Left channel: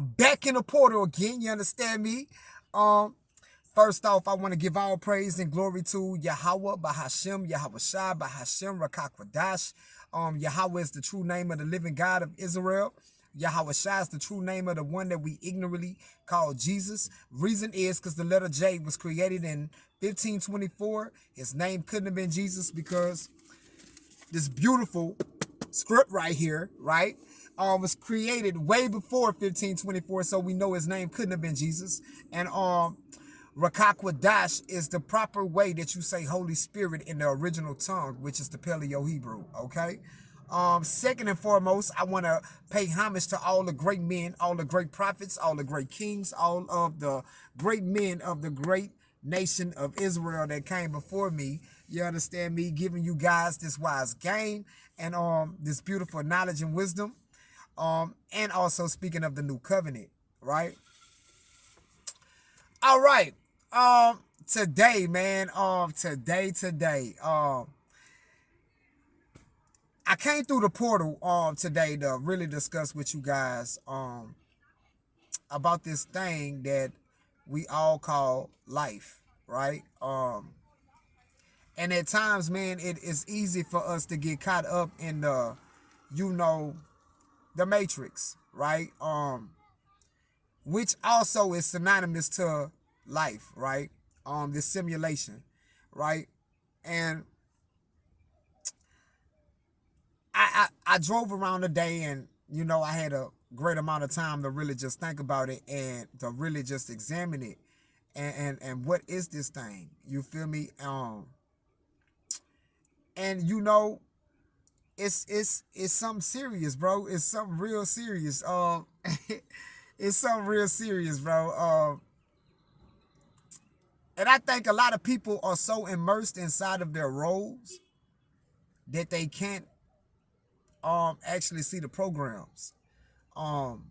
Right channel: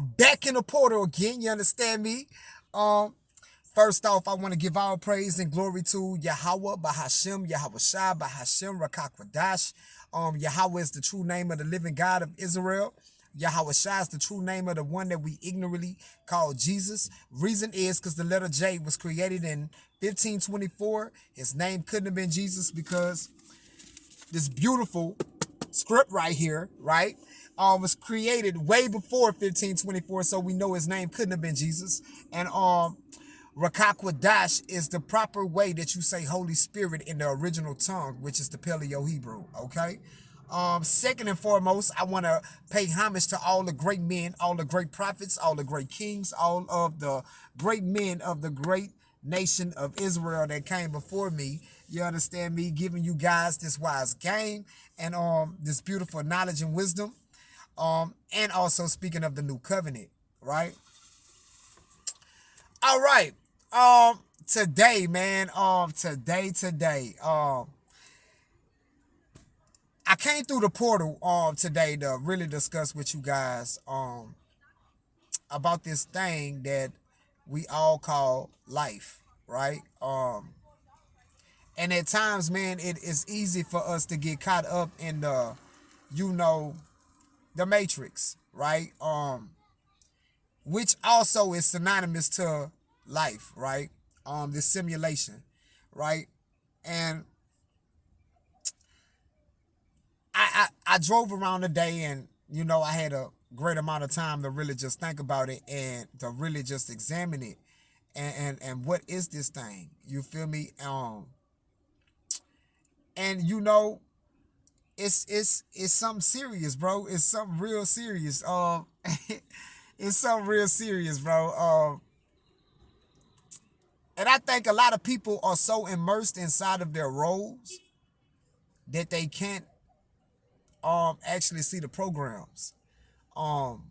back in the portal again. You understand me? Um, First off, I want to give all praise and glory to Yahweh Bahashem, Yahweh Shai Bahashem Rakakwadash. Yahweh is the true name of the living God of Israel. Yahweh Shai is the true name of the one that we ignorantly call Jesus. Reason is because the letter J was created in 1524. His name couldn't have been Jesus because this beautiful script right here, right, was created way before 1524, so we know his name couldn't have been Jesus. And Rakakwadash is the proper way that you say Holy Spirit in the original tongue, which is the Paleo Hebrew, okay? Second and foremost, I want to pay homage to all the great men, all the great prophets, all the great kings, all of the great men of the great nation of Israel that came before me. You understand me? Giving you guys this wise game and this beautiful knowledge and wisdom. And also speaking of the new covenant, right? All right. Today, man. Today. I came through the portal today to really discuss with you guys about this thing that we all call life, right? And at times, man, it is easy for us to get caught up in the, you know, the matrix, right? Which also is synonymous to life, right? This simulation, right? And I drove around today, and you know, I had a great amount of time to really just think about it and to really just examine it, and what is this thing? You feel me? And you know, it's something serious, bro. It's something real serious. It's something real serious, bro. And I think a lot of people are so immersed inside of their roles that they can't actually see the programs. Um,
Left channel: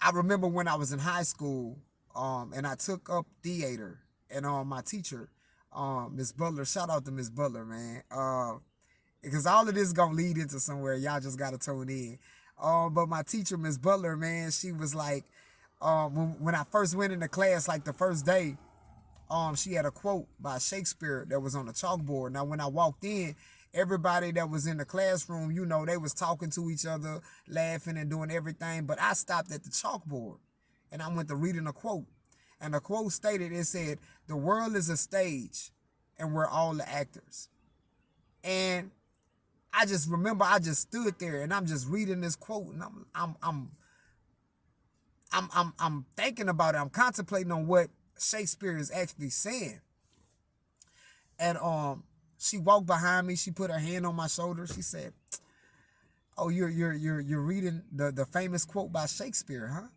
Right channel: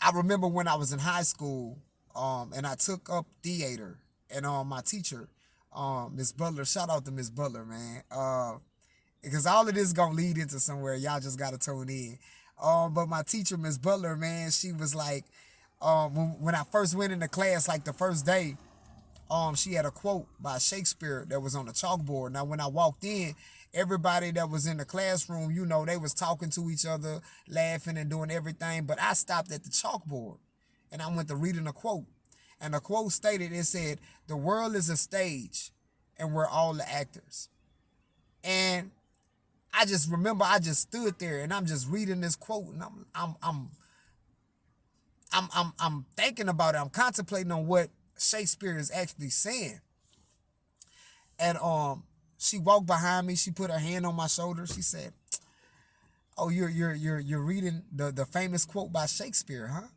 I remember when I was in high school, and I took up theater, and my teacher, Miss Butler, shout out to Miss Butler, man. Because all of this is gonna lead into somewhere. Y'all just gotta tune in. But my teacher, Miss Butler, man, she was like, when I first went into class, like the first day, she had a quote by Shakespeare that was on the chalkboard. Now, when I walked in, everybody that was in the classroom, you know, they was talking to each other, laughing and doing everything. But I stopped at the chalkboard and I went to reading a quote. And the quote stated, it said, "The world is a stage and we're all the actors." And I just remember I just stood there and I'm just reading this quote, and I'm thinking about it. I'm contemplating on what Shakespeare is actually saying. And she walked behind me. She put her hand on my shoulder. She said, "Oh, you're reading the famous quote by Shakespeare, huh?"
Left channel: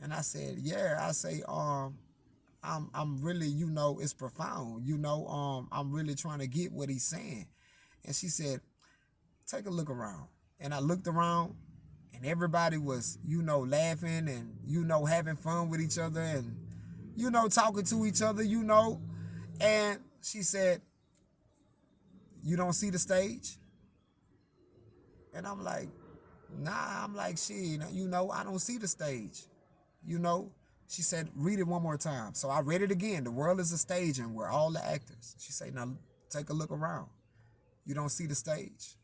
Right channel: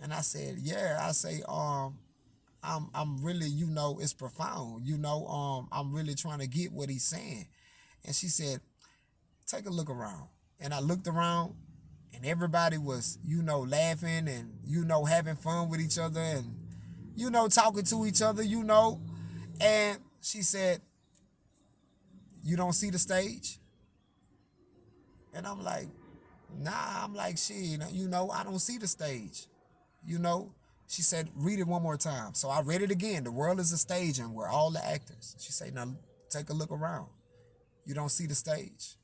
And I said, "Yeah." I say, I'm really, you know, it's profound. You know, I'm really trying to get what he's saying." And she said, "Take a look around." And I looked around, and everybody was, you know, laughing and, you know, having fun with each other and, you know, talking to each other, you know. And she said, "You don't see the stage?" And I'm like, "Nah." I'm like, "Shit, you know, I don't see the stage." You know, she said, "Read it one more time." So I read it again. "The world is a stage and we're all the actors." She said, "Now take a look around. You don't see the stage."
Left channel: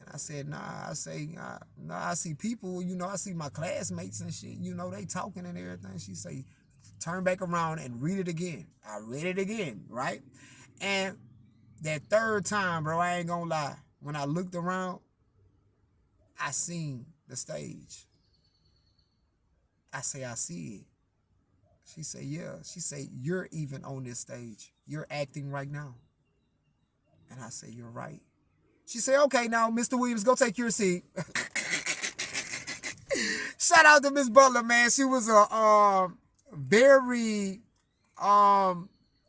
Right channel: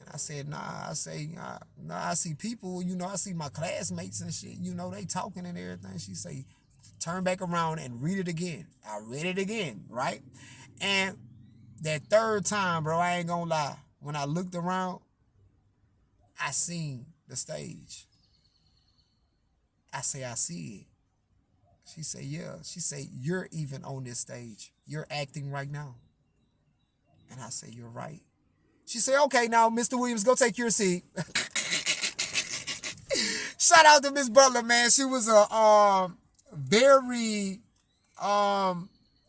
And I said, "Nah." I say, "Nah, I see people, you know, I see my classmates and shit, you know, they talking and everything." She say, "Turn back around and read it again." I read it again, right? And that third time, bro, I ain't gonna lie. When I looked around, I seen the stage. I say, "I see it." She say, "Yeah." She say, "You're even on this stage. You're acting right now." And I say, "You're right." She say, "Okay, now, Mr. Williams, go take your seat." Shout out to Miss Butler, man. She was a very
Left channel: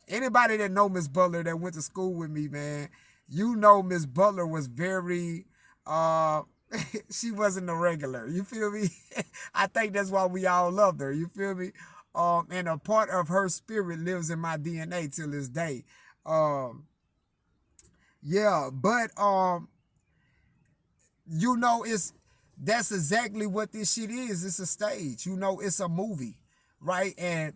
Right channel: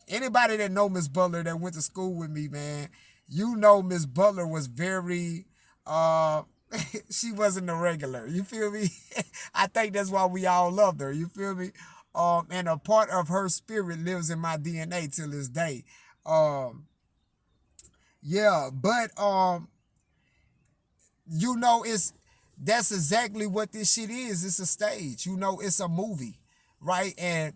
anybody that know Miss Butler that went to school with me, man, you know Miss Butler was very uh she wasn't a regular. You feel me? I think that's why we all loved her. You feel me? And a part of her spirit lives in my DNA till this day. Um, yeah, but you know, it's That's exactly what this shit is. It's a stage. You know, it's a movie, right? And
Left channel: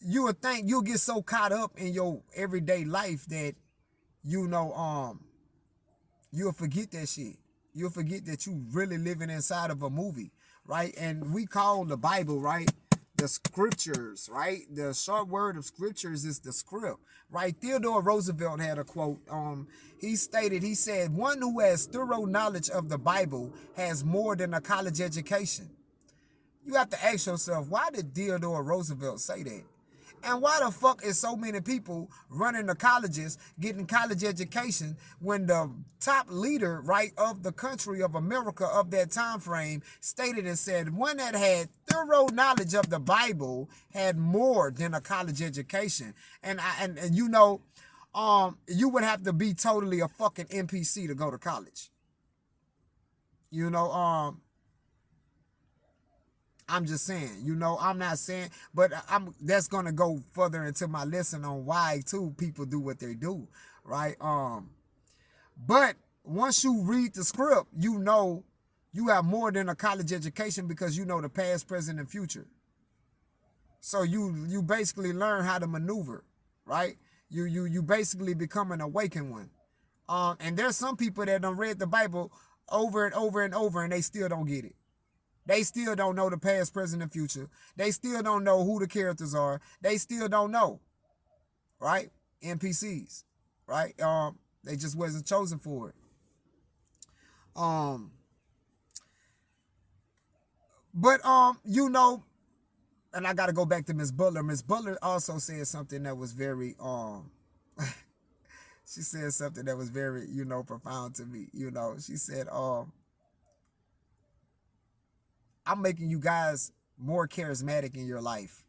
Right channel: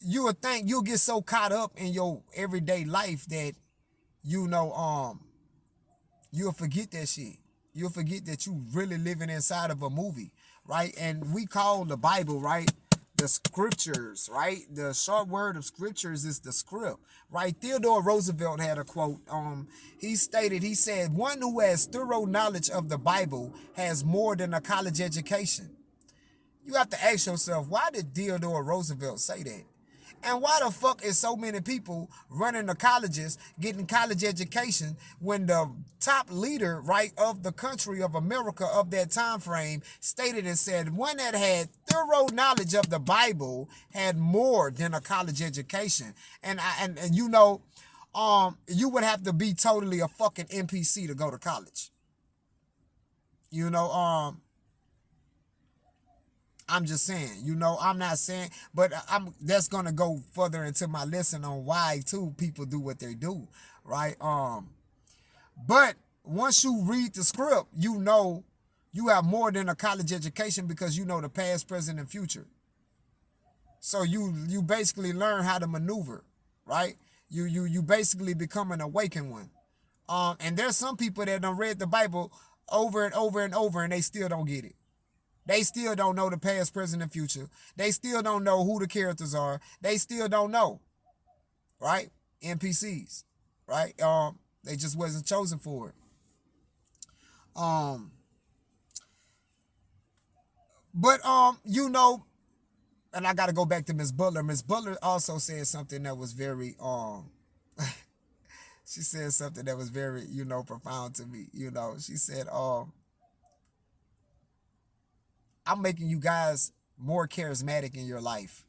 you would think you'll get so caught up in your everyday life that you know, you'll forget that shit. You'll forget that you really living inside of a movie, right? And we call the Bible, right, the scriptures, right? The short word of scriptures is the script, right? Theodore Roosevelt had a quote. He stated, he said, "One who has thorough knowledge of the Bible has more than a college education." You have to ask yourself, why did Theodore Roosevelt say that? And why the fuck is so many people running the colleges, getting college education, when the top leader, right, of the country of America of that time frame stated and said one that had thorough knowledge of the Bible had more than a college education? And you know, you would have to be totally a fucking NPC to go to college. You know, I'm just saying, you know, I'm not saying, but that's gonna go further into my lesson on why too people do what they do, right? But once you read the script, you know you have more than a college education because you know the past, present, and future. So you basically learn how to maneuver, right? You basically become an awakened one. And there's some people that done read the Bible over and over and over, and they still don't get it. They still don't know the past, present, and future. They still don't know who the characters are. They still don't know, right? NPCs, right? They just wasn't chosen for it. Um, but you know, and I got to go back to Miss Butler. Miss Butler also said something that was very she said something that was very, you know, profound to me. You know, she said, I'm making you guys more charismatic in your life.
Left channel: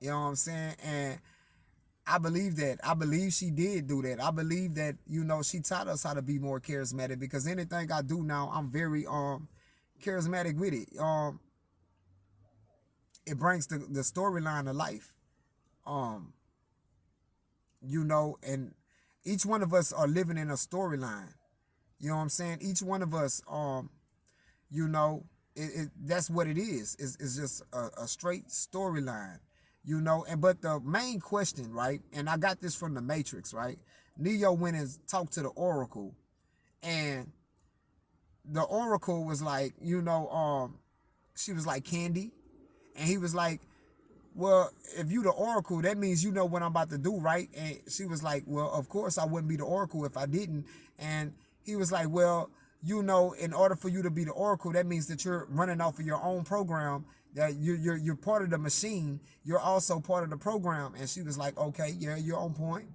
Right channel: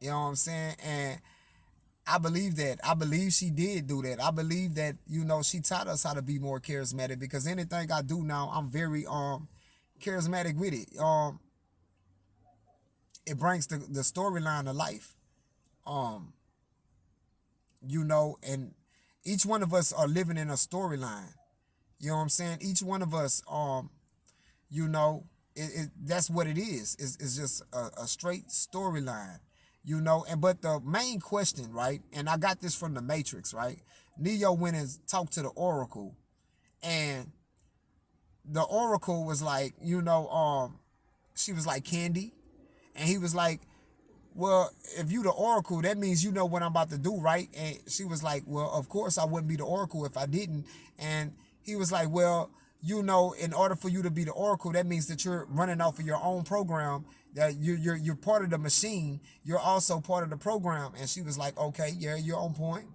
You know what I'm saying? And I believe that. I believe she did do that. I believe that, you know, she taught us how to be more charismatic, because anything I do now, I'm very charismatic with it. It brings the storyline to life. Um, you know, and each one of us are living in a storyline. You know what I'm saying? Each one of us, you know, that's what it is. It's just a straight storyline, you know. And but the main question, right? And I got this from the Matrix, right? Neo went and talked to the Oracle, and the Oracle was like, you know, she was like, Candy, and he was like, well, if you the Oracle, that means you know what I'm about to do, right? And she was like, well, of course I wouldn't be the Oracle if I didn't. And he was like, well, you know, in order for you to be the Oracle, that means that you're running off of your own program, that you're part of the machine. You're also part of the program. And she was like, okay, yeah, you're on point.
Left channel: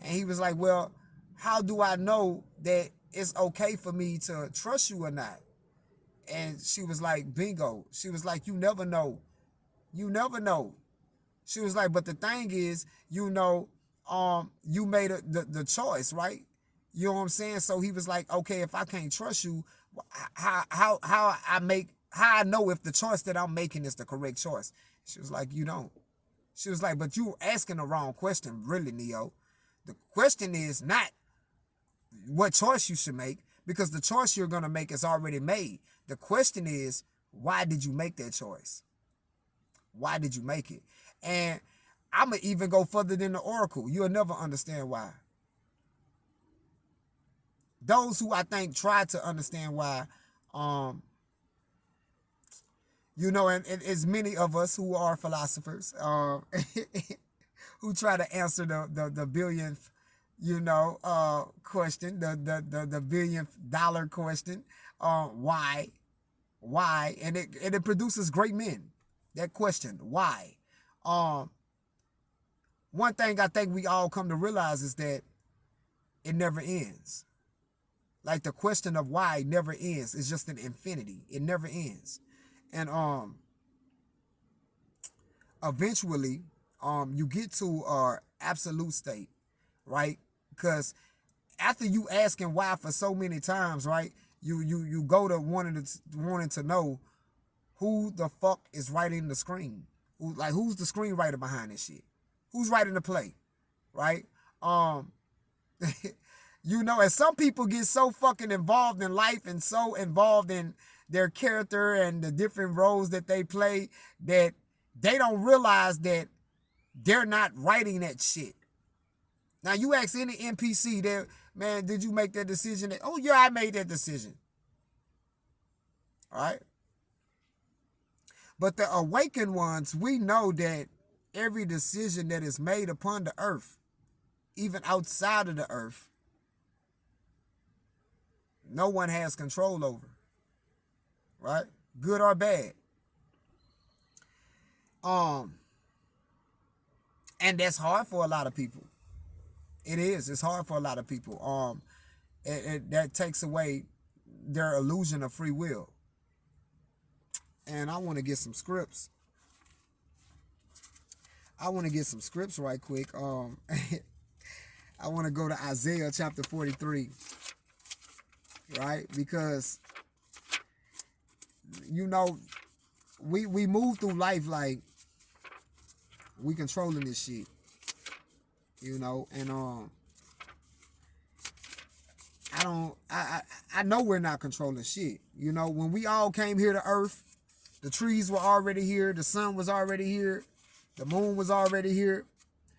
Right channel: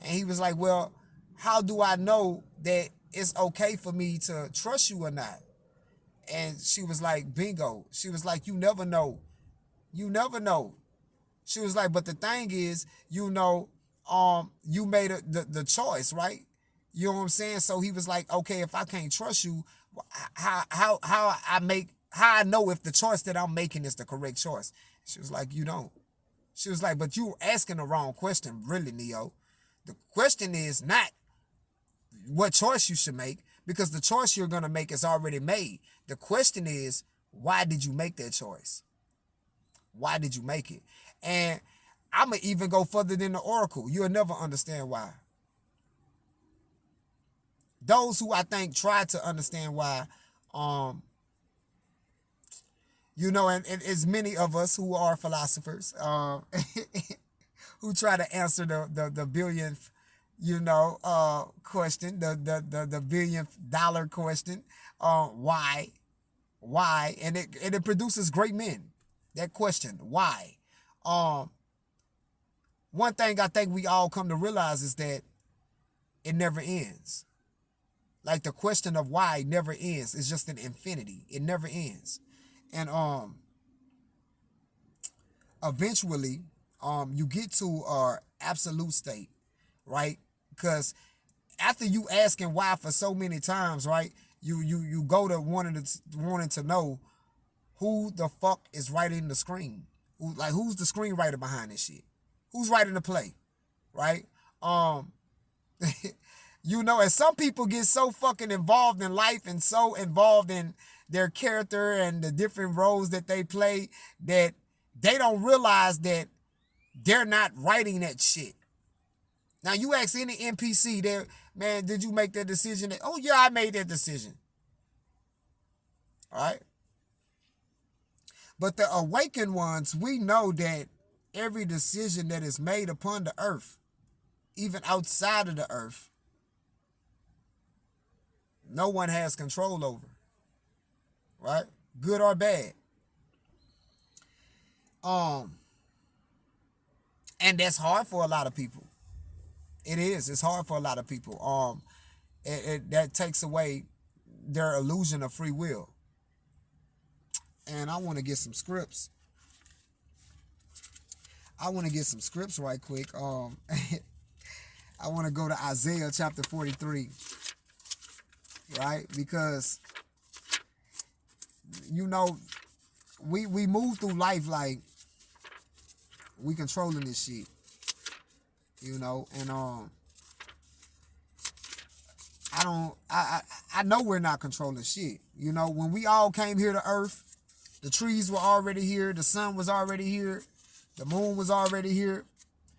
And he was like, well, how do I know that it's okay for me to trust you or not? And she was like, bingo. She was like, you never know. You never know. She was like, but the thing is, you know, you made the choice, right? You know what I'm saying? So he was like, okay, if I can't trust you, how I know if the choice that I'm making is the correct choice? She was like, you don't. She was like, but you asking the wrong question, really, Neo. The question is not what choice you should make, because the choice you're gonna make is already made. The question is, why did you make that choice? Why did you make it? And I'm going to even go further than the Oracle. You'll never understand why. Those who I think try to understand why, you know, and as many of us who are philosophers, who try to answer the billionth, you know, question, the billionth dollar question, why, and it produces great men. That question, why? One thing I think we all come to realize is that it never ends. Like the question of why never ends. It's just an infinity. It never ends. And eventually, you get to absolute state, right? Because after you asking why for so many times, right? You go to wanting to know who the fuck is writing the screen. Who's the screenwriter behind this shit? Who's writing the play, right? You know, and some people get so fucking involved in life and so involved in their character and the different roles that they play that they don't realize that they're not writing that shit. Now you ask any NPC that, man, did you make that decision? Oh yeah, I made that decision. All right. But the awakened ones, we know that every decision that is made upon the earth, even outside of the earth, no one has control over. Right? Good or bad. And that's hard for a lot of people. It is. It's hard for a lot of people. That takes away their illusion of free will. And I want to get some scripts. I want to get some scripts right quick. I want to go to Isaiah chapter 43. Right? Because, you know, we move through life like we controlling this shit. You know, and I know we're not controlling shit. You know, when we all came here to Earth, the trees were already here, the sun was already here, the moon was already here.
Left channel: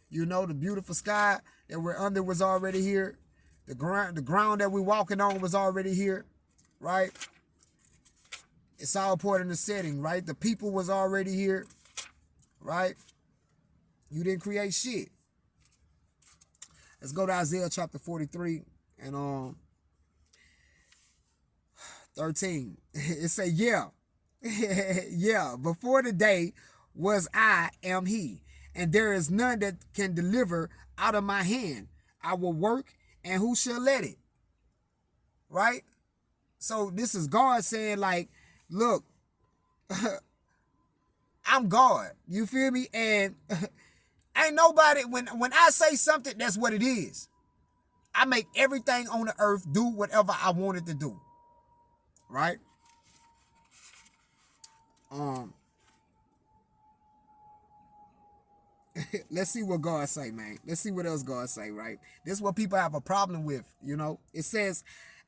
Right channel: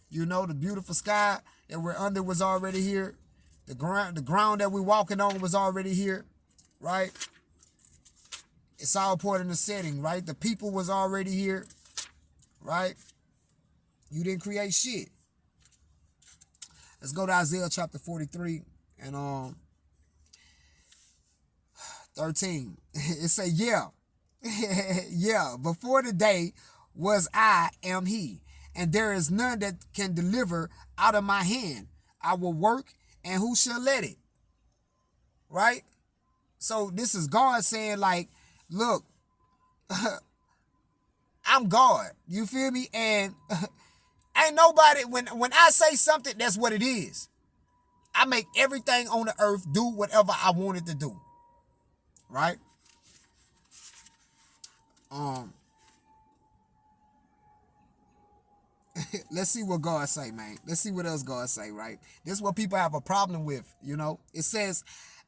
You know, the beautiful sky that we're under was already here. The ground that we're walking on was already here, right? It's all part in the setting, right? The people was already here, right? You didn't create shit. Let's go to Isaiah chapter 43 and 13. It say, yeah, yeah, before the day was I am he, and there is none that can deliver out of my hand. I will work, and who shall let it? Right? So this is God saying, like, look, I'm God. You feel me? And ain't nobody, when I say something, that's what it is. I make everything on the earth do whatever I want it to do. Right? Let's see what God say, man. Let's see what else God say, right? This is what people have a problem with, you know. It says,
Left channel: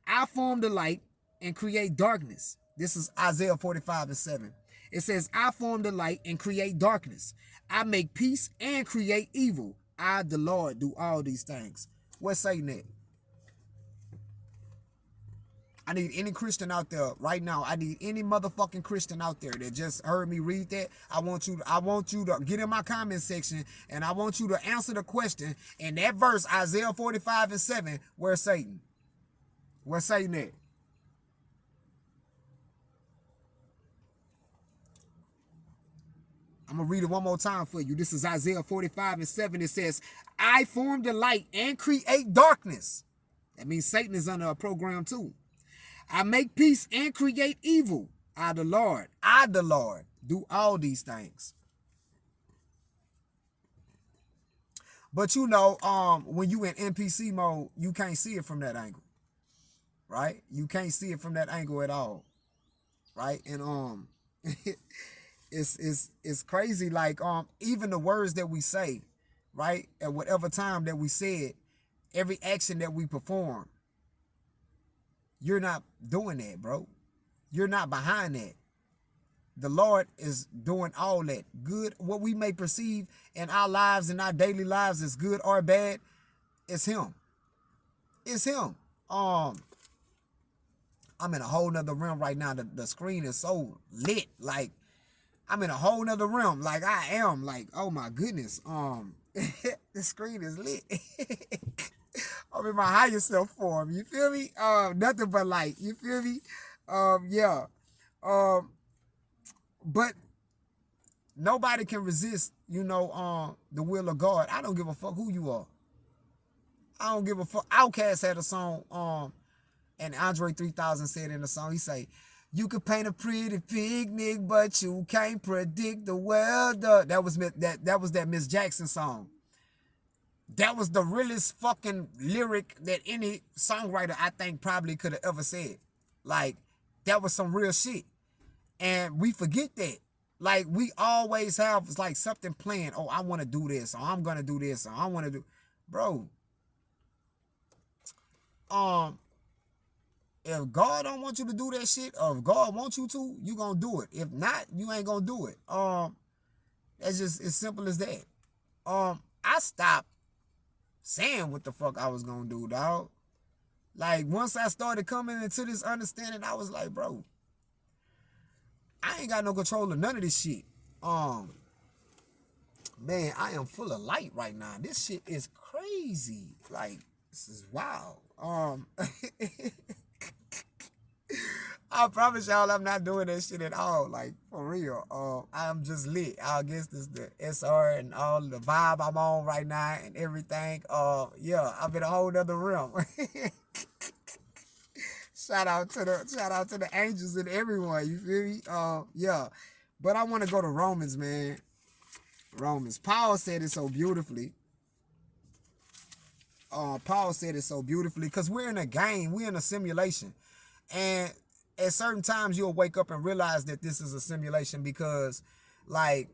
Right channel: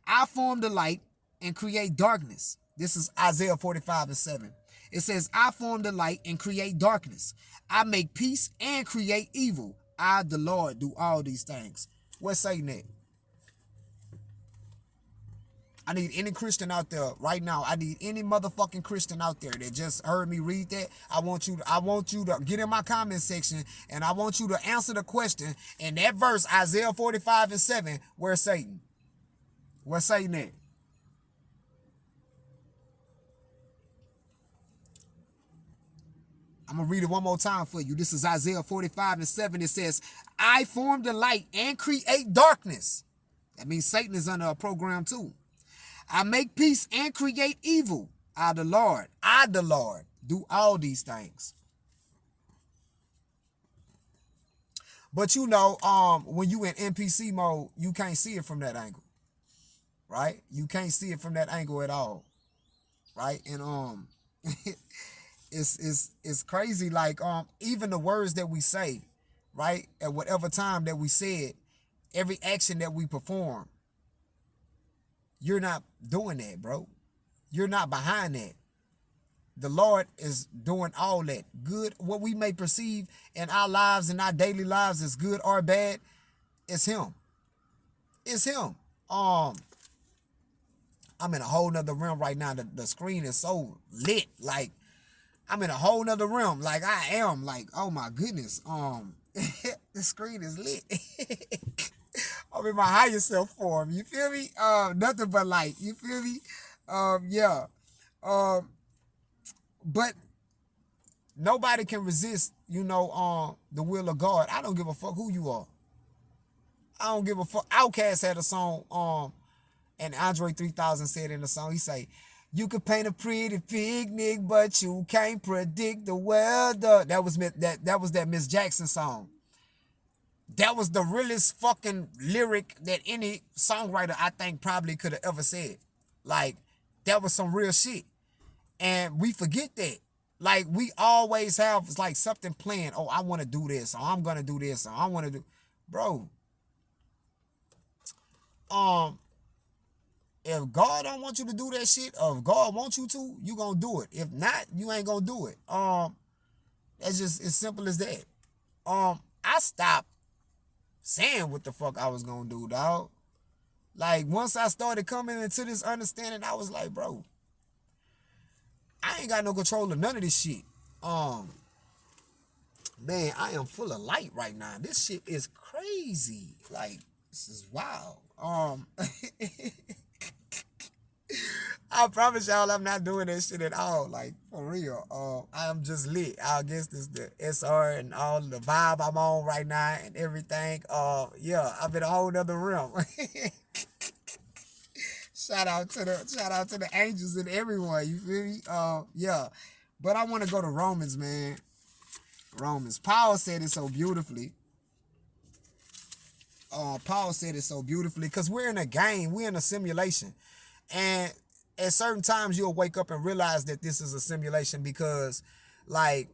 I form the light and create darkness. This is Isaiah 45:7. It says, I form the light and create darkness. I make peace and create evil. I, the Lord, do all these things. What's saying that? I need any Christian out there right now. I need any motherfucking Christian out there that just heard me read that. I want you to get in my comment section and I want you to answer the question in that verse, Isaiah 45:7, where's Satan? Where's Satan at? I'm going to read it one more time for you. This is Isaiah 45:7. It says, I form the light and create darkness. That means Satan is under a program too. I make peace and create evil. I, the Lord, do all these things. But you know, when you in NPC mode, you can't see it from that angle. Right? You can't see it from that angle at all. Right? And it's crazy. Like even the words that we say, right? At whatever time that we say it, every action that we perform, you're not doing that, bro. You're not behind that. The Lord is doing all that. Good, what we may perceive in our lives, in our daily lives as good or bad, it's him. It's him. I'm in a whole nother realm right now. The screen is so lit. Like, I'm in a whole nother realm. Like, I am. Like, oh my goodness. The screen is lit. I'm in my higher self form. You feel me? Nothing but light. You feel me? Yeah. But nobody can resist, you know, the will of God. I don't give a fuck who you are. I don't give a fuck. Outkast had a song, and Andre 3000 said in the song, he say, you can paint a pretty picnic, but you can't predict the weather. That was that Miss Jackson song. That was the realest fucking lyric that any songwriter, I think, probably could have ever said. Like, that was some real shit. And we forget that. Like, we always have, like, something planned. Oh, I want to do this. Or I'm going to do this. Or I want to do... Bro. Um, if God don't want you to do that shit, or if God wants you to, you gonna do it. If not, you ain't gonna do it. That's just as simple as that. I stopped saying what the fuck I was gonna do, dog. Like once I started coming into this understanding, I was like, bro, I ain't got no control of none of this shit. Man, I am full of light right now. This shit is crazy. Like, this is wild. I promise y'all I'm not doing that shit at all. Like, for real. I'm just lit. I guess this the SR and all the vibe I'm on right now and everything. Yeah, I'm in a whole nother realm. Shout out to the angels and everyone. You feel me? Yeah. But I want to go to Romans, man. Romans. Paul said it so beautifully. Paul said it so beautifully because we're in a game. We're in a simulation. And at certain times you'll wake up and realize that this is a simulation because, like,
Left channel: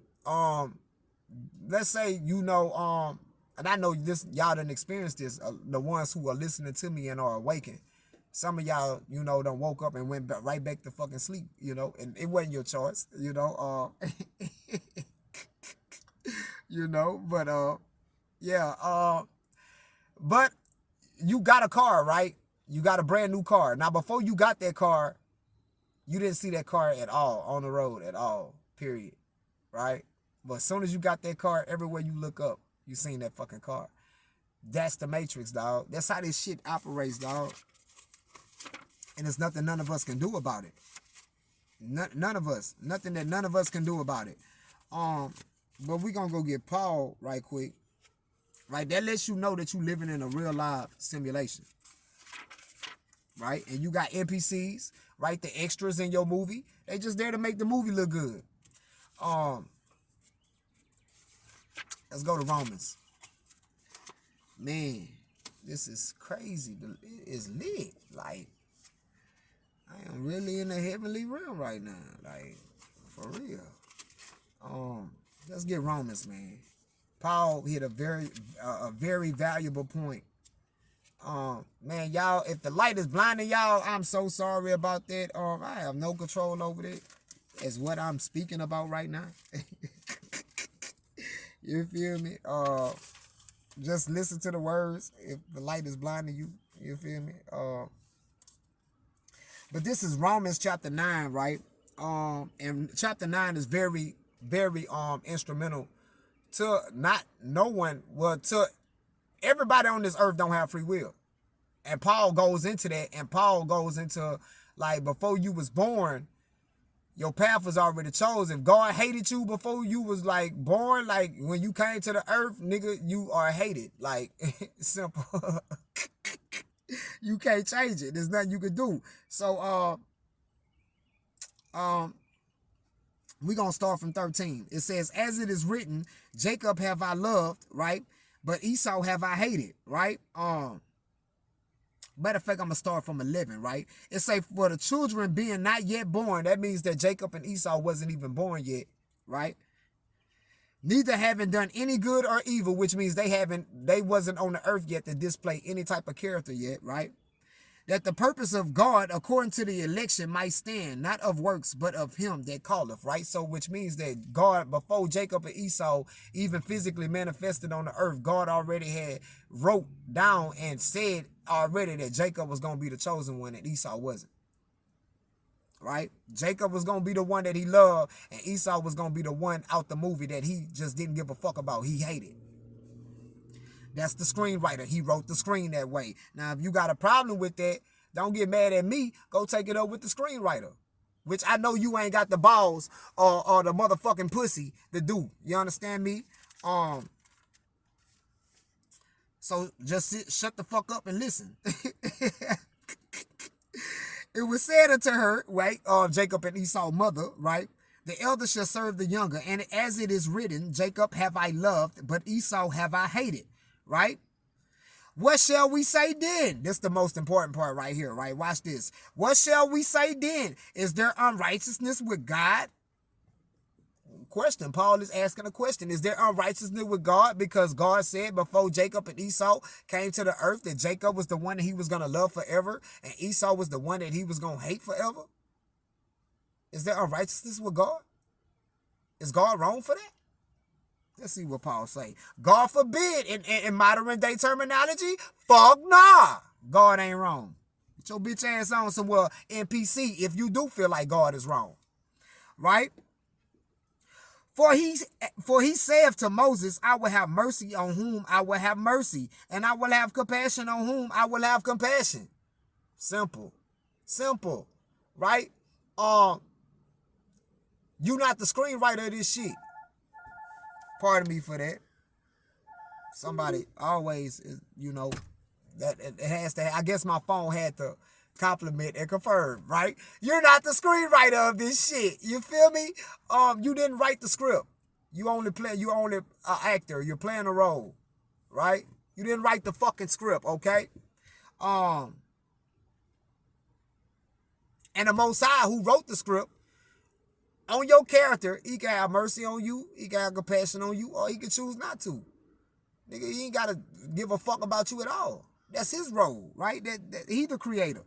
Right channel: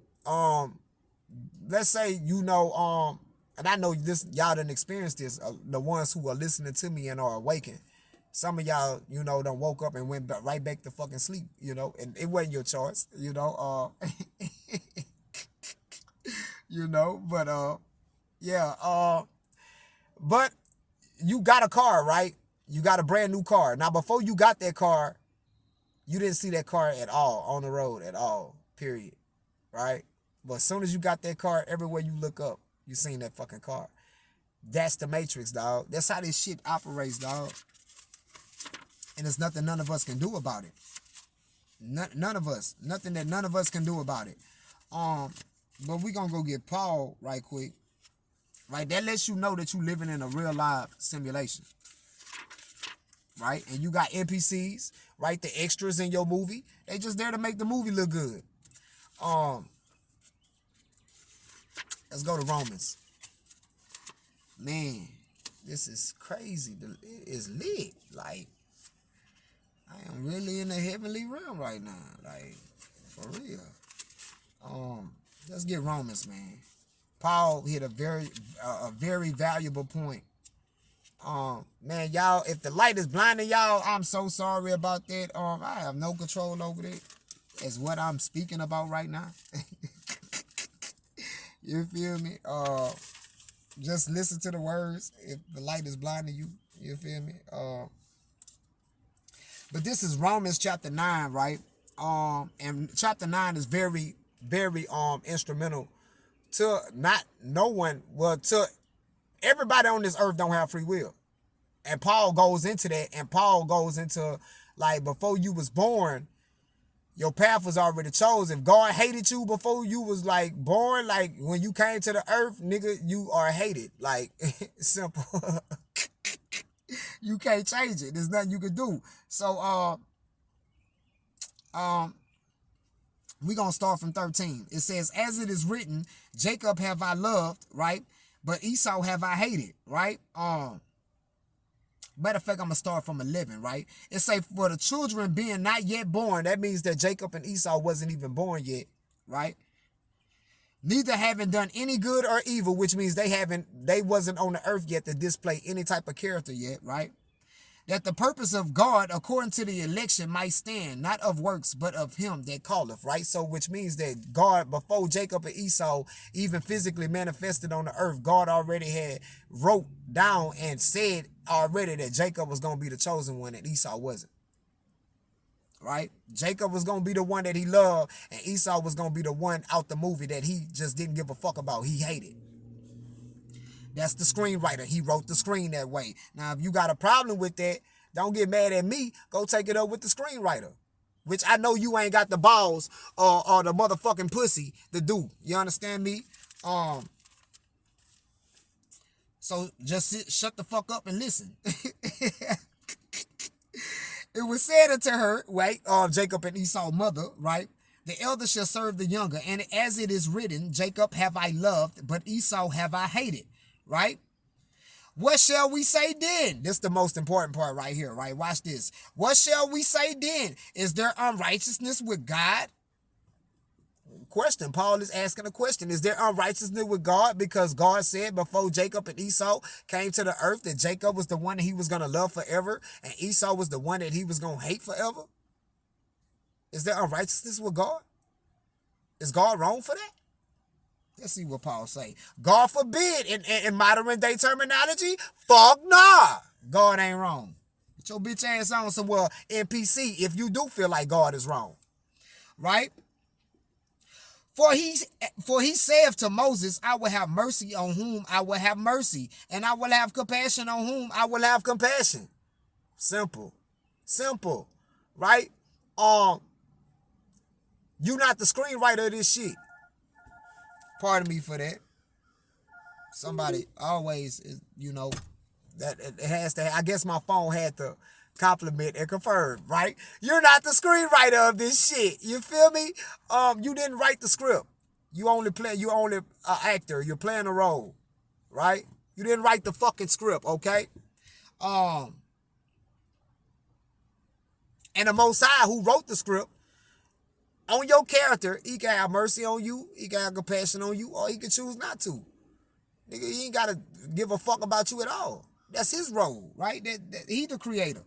let's say, and I know this, y'all done experienced this, the ones who are listening to me and are awakened. Some of y'all, done woke up and went right back to fucking sleep, and it wasn't your choice, but, yeah, but you got a car, right? You got a brand new car. Now, before you got that car, you didn't see that car at all, on the road at all, period, right? But as soon as you got that car, everywhere you look up, you seen that fucking car. That's the Matrix, dog. That's how this shit operates, dog. And there's nothing none of us can do about it. None of us. Nothing that none of us can do about it. But we gonna go get Paul right quick. Right? That lets you know that you living in a real live simulation. Right? And you got NPCs, right? The extras in your movie. They just there to make the movie look good. Let's go to Romans. Man, this is crazy. It is lit. Like, I am really in the heavenly realm right now. Like, for real. Let's get Romans, man. Paul hit a very valuable point. Man, y'all, if the light is blinding y'all, I'm so sorry about that. I have no control over it. Is what I'm speaking about right now. You feel me? Just listen to the words. If the light is blinding you, you feel me? But this is Romans chapter 9, right? And chapter 9 is very, very instrumental to to everybody on this earth don't have free will. And Paul goes into that, and Paul goes into, like, before you was born, your path was already chosen. If God hated you before you was, like, born, like, when you came to the earth, nigga, you are hated. Like, simple. You can't change it. There's nothing you can do. So, we're going to start from 13. It says, as it is written, Jacob have I loved, right? But Esau have I hated, right? Matter of fact, I'm going to start from 11, right? It say, for the children being not yet born, that means that Jacob and Esau wasn't even born yet, right? Neither having done any good or evil, which means they wasn't on the earth yet to display any type of character yet, right? That the purpose of God, according to the election, might stand, not of works, but of him that calleth, right? So, which means that God, before Jacob and Esau even physically manifested on the earth, God already had wrote down and said already that Jacob was going to be the chosen one and Esau wasn't, right? Jacob was going to be the one that he loved, and Esau was going to be the one out the movie that he just didn't give a fuck about. He hated. That's the screenwriter. He wrote the screen that way. Now, if you got a problem with that, don't get mad at me. Go take it up with the screenwriter, which I know you ain't got the balls or the motherfucking pussy to do. You understand me? So just shut the fuck up and listen. It was said unto her, right, Jacob and Esau's mother, right? The elder shall serve the younger. And as it is written, Jacob have I loved, but Esau have I hated. Right? What shall we say then? This is the most important part right here, right? Watch this. What shall we say then? Is there unrighteousness with God? question. Paul is asking a question. Is there unrighteousness with God? Because God said before Jacob and Esau came to the earth that Jacob was the one that he was going to love forever and Esau was the one that he was going to hate forever. Is there unrighteousness with God? Is God wrong for that? Let's see what Paul say. God forbid, in modern day terminology, fuck nah. God ain't wrong. Get your bitch ass on somewhere, NPC, if you do feel like God is wrong. Right? For he saith to Moses, I will have mercy on whom I will have mercy, and I will have compassion on whom I will have compassion. Simple. Simple. Right? You not the screenwriter of this shit. Pardon me for that. Somebody always, that it has to, I guess my phone had to compliment and confirm, right? You're not the screenwriter of this shit. You feel me? You didn't write the script. You're only an actor. You're playing a role, right? You didn't write the fucking script, okay? And the Most High who wrote the script on your character, he can have mercy on you, he can have compassion on you, or he can choose not to. Nigga, he ain't got to give a fuck about you at all. That's his role, right? That he the creator.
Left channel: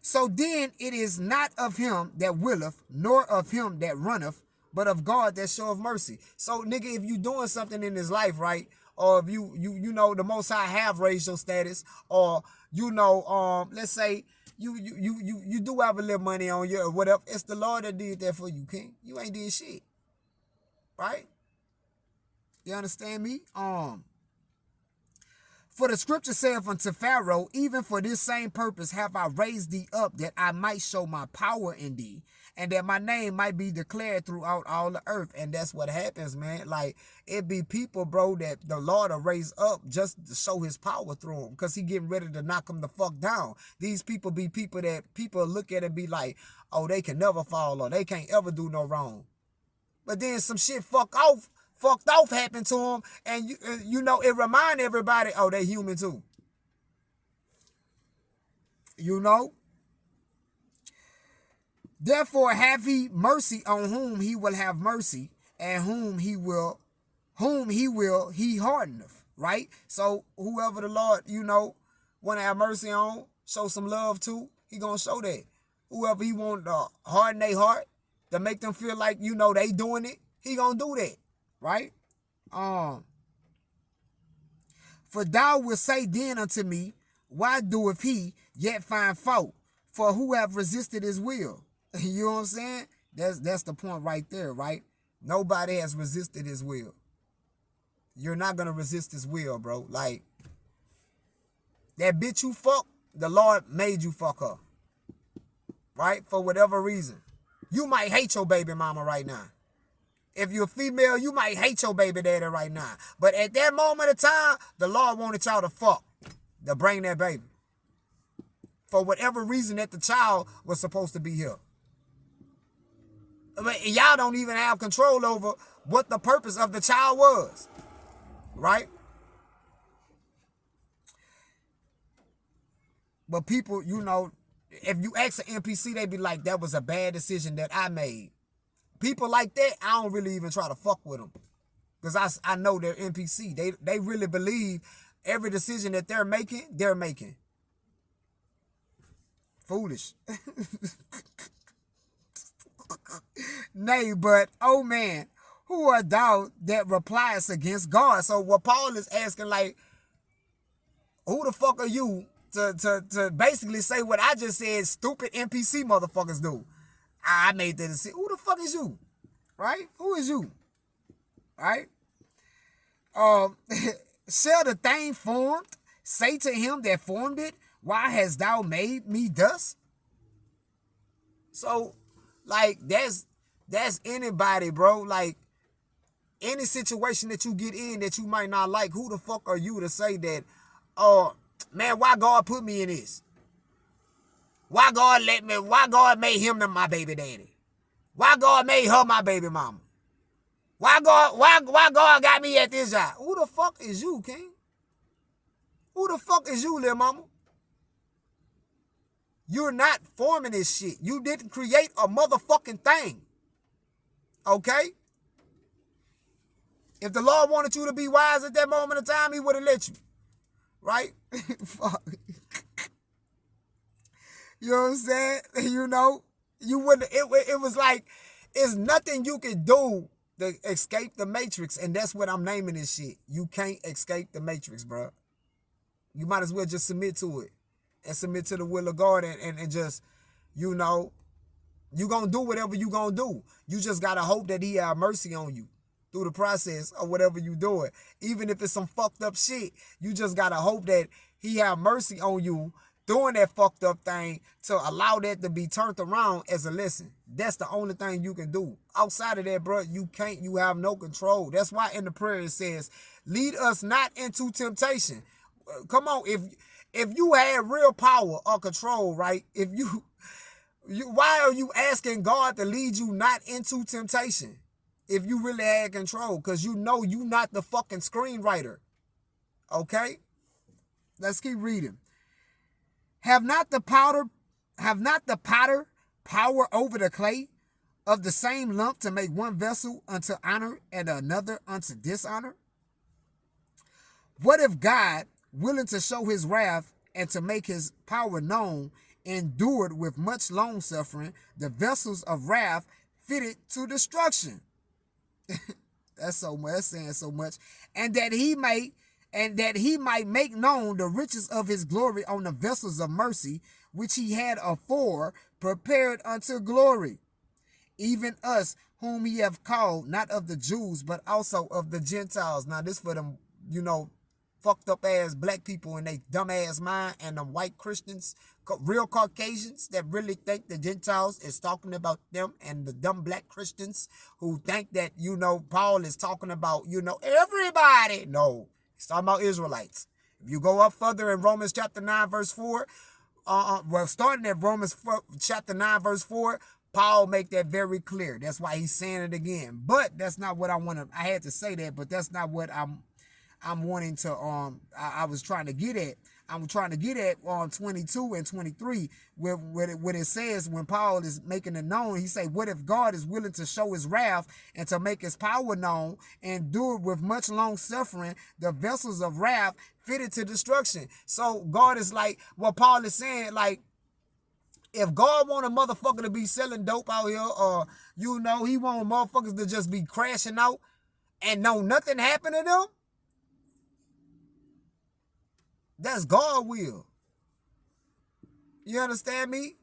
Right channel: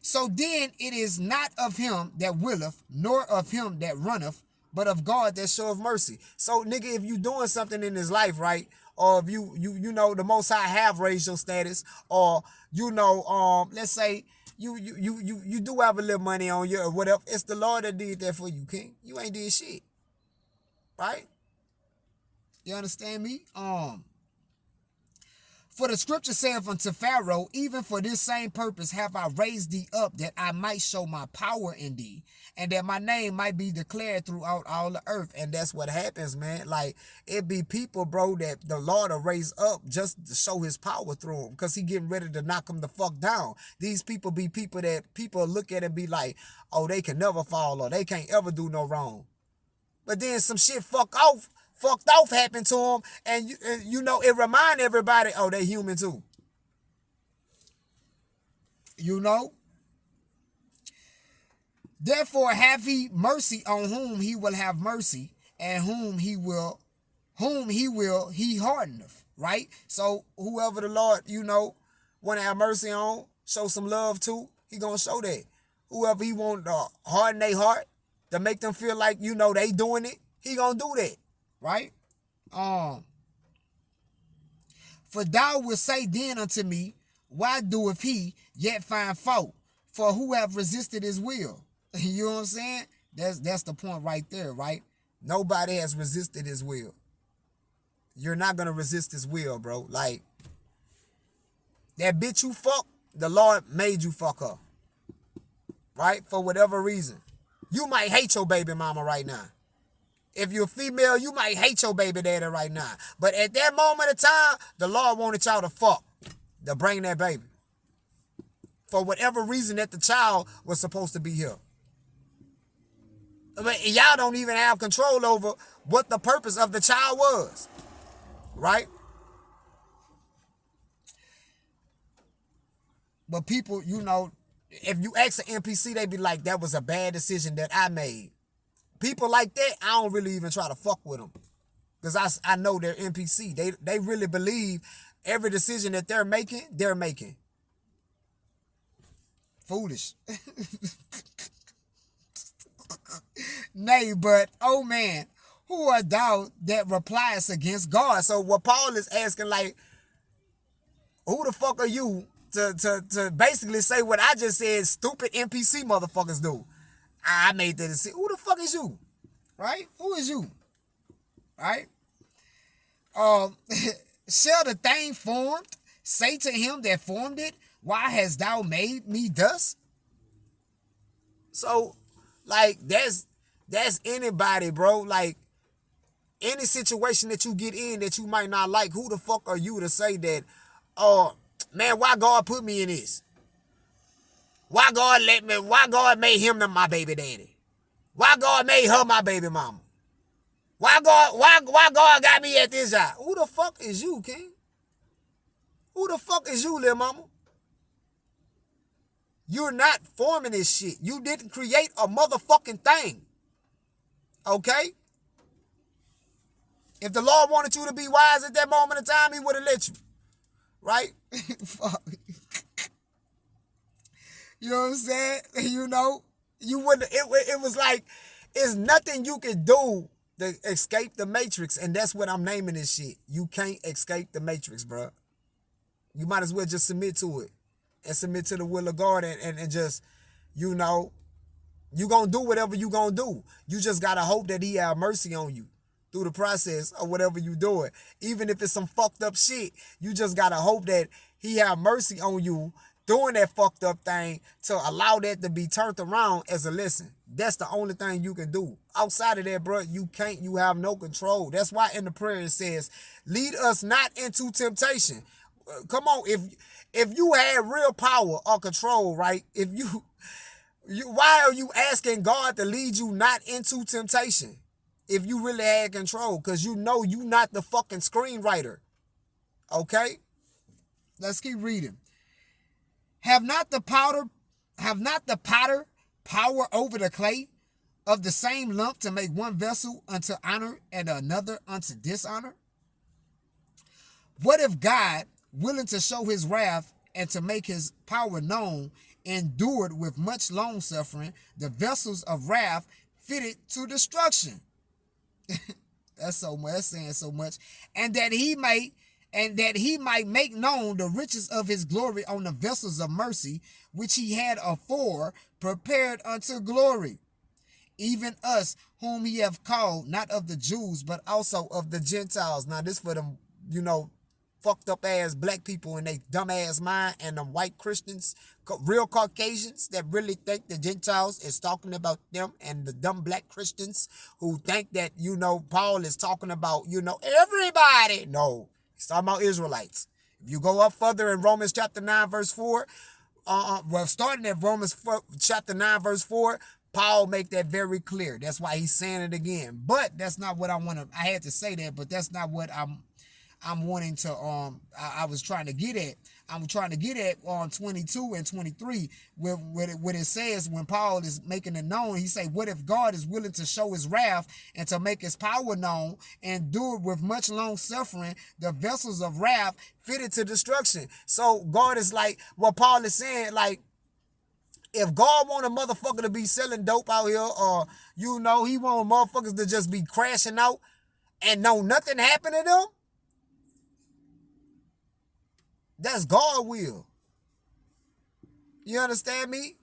So then it is not of him that willeth, nor of him that runneth, but of God that showeth mercy. So, nigga, if you doing something in this life, right, or if you the Most High have raised your status, or let's say you do have a little money on you or whatever, it's the Lord that did that for you, King. You ain't did shit, right? You understand me? For the scripture saith unto Pharaoh, even for this same purpose have I raised thee up, that I might show my power in thee, and that my name might be declared throughout all the earth. And that's what happens, man. Like, it be people, bro, that the Lord will raise up just to show his power through them, because he getting ready to knock them the fuck down. These people be people that people look at and be like, oh, they can never fall, or they can't ever do no wrong. But then some shit fucked off happened to them, and it remind everybody, oh, they human too. Therefore have he mercy on whom he will have mercy, and whom he hardeneth, right? So whoever the Lord, want to have mercy on, show some love to, he gonna show that. Whoever he want to harden their heart, to make them feel like, they doing it, he gonna do that, right? For thou wilt say then unto me, why doeth he yet find fault? For who have resisted his will? You know what I'm saying? That's the point right there, right? Nobody has resisted his will. You're not going to resist his will, bro. Like, that bitch you fuck, the Lord made you fuck her. Right? For whatever reason. You might hate your baby mama right now. If you're female, you might hate your baby daddy right now. But at that moment of time, the Lord wanted y'all to fuck, to bring that baby. For whatever reason that the child was supposed to be here. But y'all don't even have control over what the purpose of the child was. Right? But people, if you ask an NPC, they be like, that was a bad decision that I made. People like that, I don't really even try to fuck with them. Because I know they're NPC. They really believe every decision that they're making. Foolish. Nay, but, oh man, who art thou that repliest against God? So what Paul is asking, like, who the fuck are you to basically say what I just said stupid NPC motherfuckers do? I made that decision. Who the fuck is you? Right? Who is you? Right? Shall the thing formed say to him that formed it, why hast thou made me thus? So, like, that's anybody, bro. Like, any situation that you get in that you might not like, who the fuck are you to say that, man, why God put me in this? Why God made him my baby daddy? Why God made her my baby mama? Why God got me at this job? Who the fuck is you, King? Who the fuck is you, little mama? You're not forming this shit. You didn't create a motherfucking thing. Okay? If the Lord wanted you to be wise at that moment of time, he would have let you. Right? Fuck. You know what I'm saying? You know, you wouldn't. It was like, it's nothing you can do to escape the matrix, and that's what I'm naming this shit. You can't escape the matrix, bro. You might as well just submit to it and submit to the will of God, and just, you know, you gonna do whatever you gonna do. You just gotta hope that he have mercy on you through the process of whatever you doing. Even if it's some fucked up shit, you just gotta hope that he have mercy on you doing that fucked up thing to allow that to be turned around as a lesson. That's the only thing you can do. Outside of that, bro, you can't. You have no control. That's why in the prayer it says, lead us not into temptation. Come on, if you had real power or control, right? If you why are you asking God to lead you not into temptation? If you really had control, because you know you not the fucking screenwriter. Okay? Let's keep reading. Have not the potter power over the clay of the same lump to make one vessel unto honor and another unto dishonor? What if God, willing to show his wrath and to make his power known, endured with much long suffering the vessels of wrath fitted to destruction? That's so much. That's saying so much. And that he might make known the riches of his glory on the vessels of mercy, which he had afore prepared unto glory. Even us, whom he have called, not of the Jews, but also of the Gentiles. Now this for them, you know, fucked up ass black people in they dumb ass mind, and them white Christians, real Caucasians that really think the Gentiles is talking about them, and the dumb black Christians who think that, you know, Paul is talking about, you know, everybody. No, he's talking about Israelites. If you go up further in Romans chapter 9 verse 4, well, starting at Romans 4, chapter 9 verse 4, Paul make that very clear. That's why he's saying it again. But that's not what I want to, I had to say that, but that's not what I'm wanting to, I was trying to get at. I'm trying to get at on 22 and 23, where it says, when Paul is making it known, he say, what if God is willing to show his wrath and to make his power known, and do it with much long suffering the vessels of wrath fitted to destruction? So God is like, what Paul is saying, like, if God want a motherfucker to be selling dope out here, or, you know, he want motherfuckers to just be crashing out and know nothing happened to them, that's God will. You understand me?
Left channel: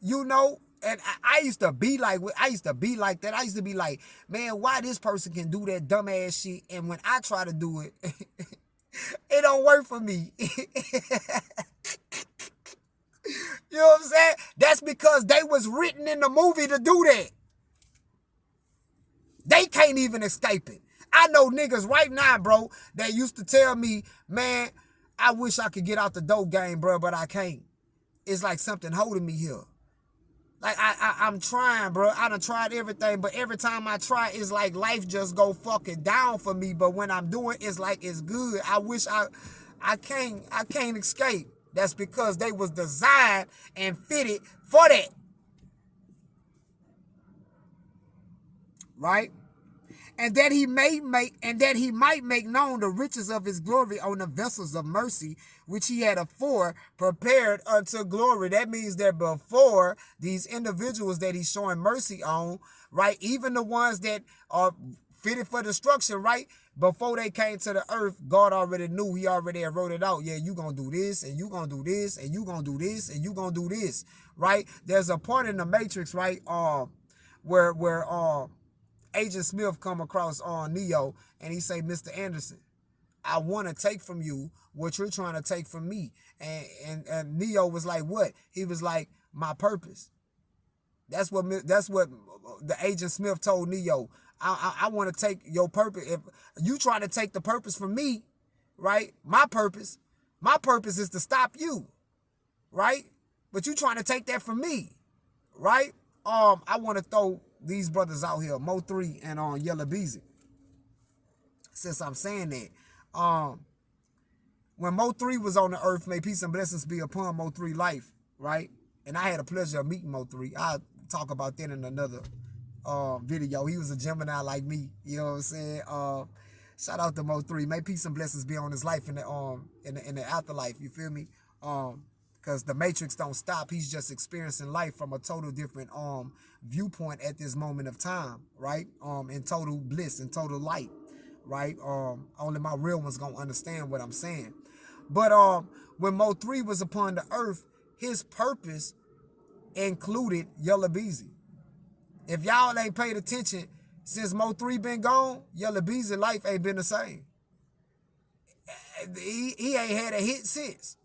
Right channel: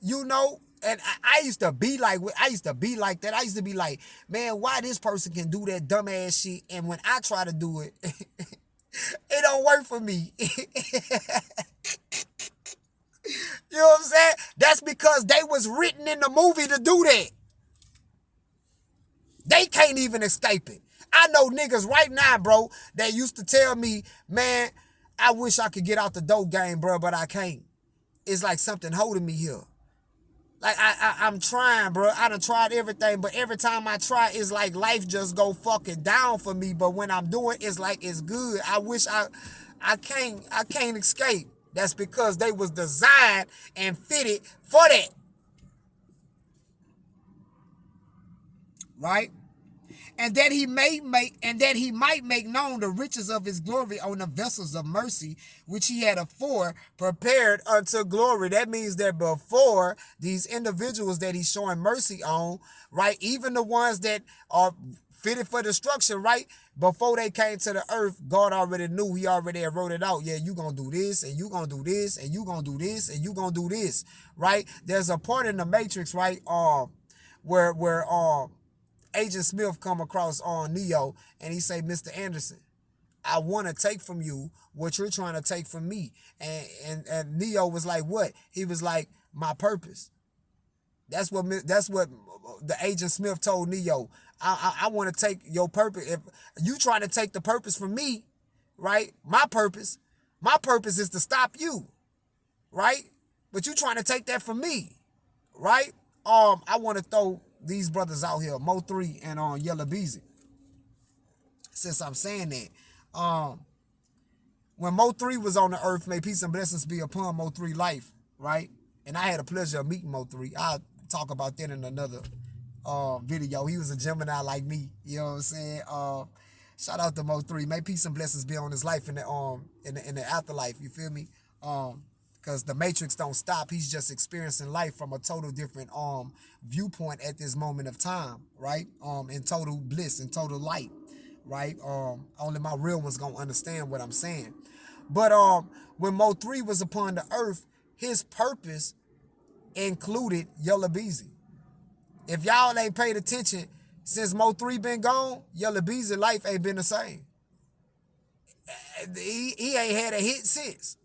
You know, and I used to be like that. I used to be like, man, why this person can do that dumbass shit, and when I try to do it, it don't work for me. You know what I'm saying? That's because they was written in the movie to do that. They can't even escape it. I know niggas right now, bro, that used to tell me, man, I wish I could get out the dope game, bro, but I can't. It's like something holding me here. Like, I'm trying, bro. I done tried everything, but every time I try, it's like life just go fucking down for me. But when I'm doing, it's like it's good. I wish I can't escape. That's because they was designed and fitted for that. Right? And that he might make known the riches of his glory on the vessels of mercy, which he had afore prepared unto glory. That means that before, these individuals that he's showing mercy on, right, even the ones that are fitted for destruction, right, before they came to the earth, God already knew. He already had wrote it out. Yeah, you gonna do this, and you gonna do this, and you gonna do this, and you gonna do this, right? There's a part in the Matrix, right, where Agent Smith come across on Neo, and he say, Mr. Anderson, I want to take from you what you're trying to take from me. And Neo was like, what? He was like, my purpose. That's what the Agent Smith told Neo. I want to take your purpose. If you try to take the purpose from me, right? My purpose is to stop you, right? But you trying to take that from me, right? I want to throw these brothers out here, Mo 3 and on Yella Beezy. Since I'm saying that, when Mo 3 was on the earth, may peace and blessings be upon Mo 3 life, right? And I had a pleasure of meeting Mo 3. I'll talk about that in another video. He was a Gemini like me, you know what I'm saying? Shout out to Mo3. May peace and blessings be on his life in the afterlife. You feel me? Because the Matrix don't stop. He's just experiencing life from a total different viewpoint at this moment of time, right? In total bliss, in total light, right? Only my real ones gonna understand what I'm saying. But when Mo3 was upon the earth, his purpose included Yella Beezy. If y'all ain't paid attention, since Mo3 been gone, Yella Beezy life ain't been the same. He ain't had a hit since.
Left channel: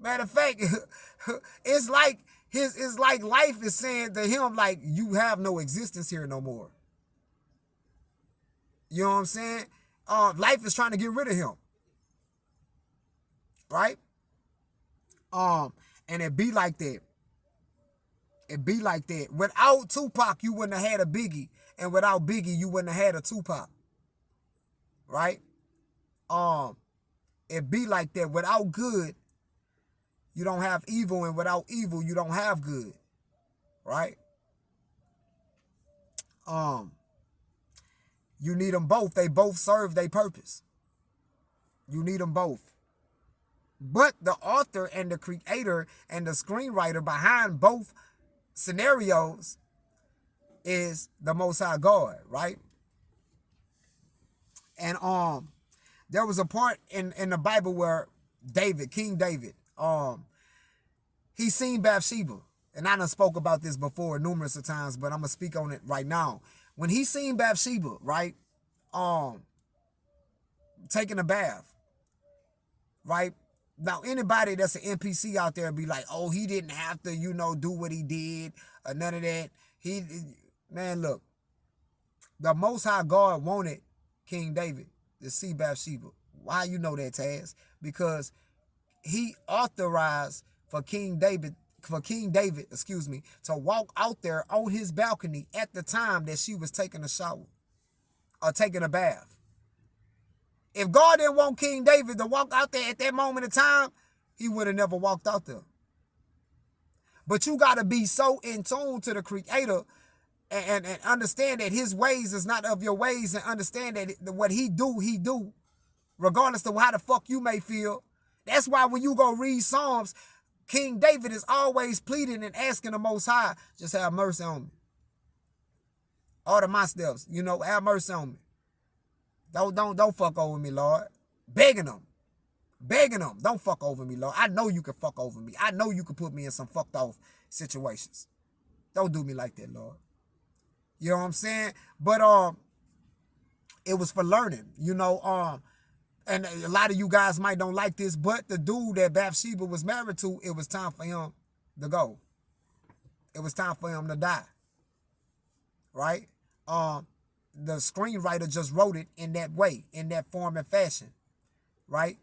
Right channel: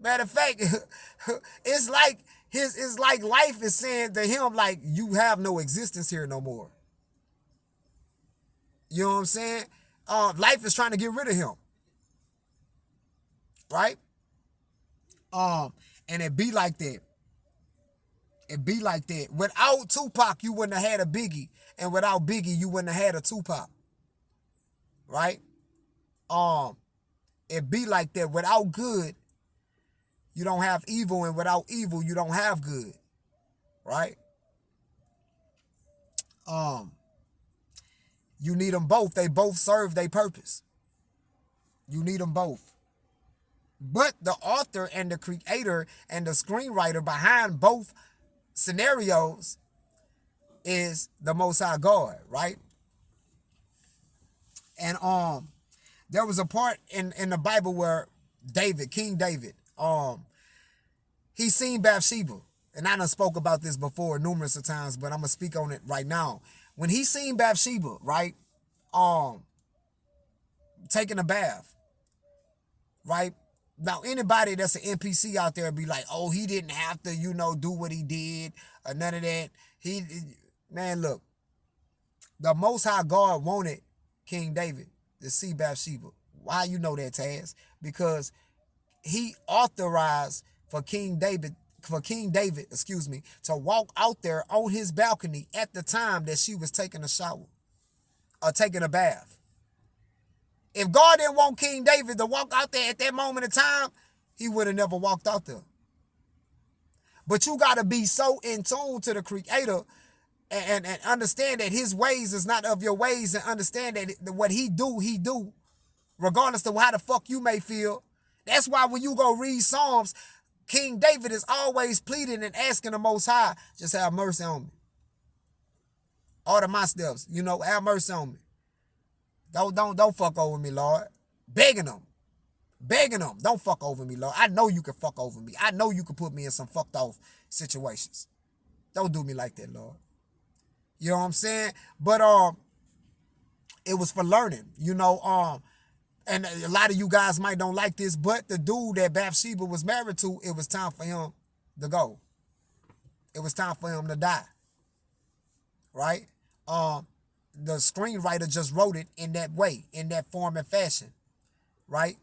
Matter of fact, it's like life is saying to him, like, you have no existence here no more. You know what I'm saying? Life is trying to get rid of him. Right? And it be like that. It be like that. Without Tupac, you wouldn't have had a Biggie. And without Biggie, you wouldn't have had a Tupac. Right? It be like that. Without good, you don't have evil. And without evil, you don't have good. Right? You need them both. They both serve their purpose. You need them both. But the author and the creator and the screenwriter behind both scenarios is the Most High God, right? And there was a part in the Bible where King David, he seen Bathsheba. And I done spoke about this before numerous of times, but I'm gonna speak on it right now. When he seen Bathsheba, right, taking a bath, right? Now, anybody that's an NPC out there be like, oh, he didn't have to, do what he did or none of that. Man, look, the Most High God wanted King David to see Bathsheba. Why you know that, Taz? Because he authorized for King David, to walk out there on his balcony at the time that she was taking a shower or taking a bath. If God didn't want King David to walk out there at that moment in time, he would have never walked out there. But you got to be so in tune to the Creator and understand that his ways is not of your ways, and understand that what he do, regardless of how the fuck you may feel. That's why when you go read Psalms, King David is always pleading and asking the Most High, just have mercy on me. Order my steps, have mercy on me. Don't fuck over me, Lord. Begging them. Don't fuck over me, Lord. I know you can fuck over me. I know you can put me in some fucked off situations. Don't do me like that, Lord. You know what I'm saying? But it was for learning, and a lot of you guys might don't like this, but the dude that Bathsheba was married to, it was time for him to go. It was time for him to die. Right? The screenwriter just wrote it in that way, in that form and fashion, right?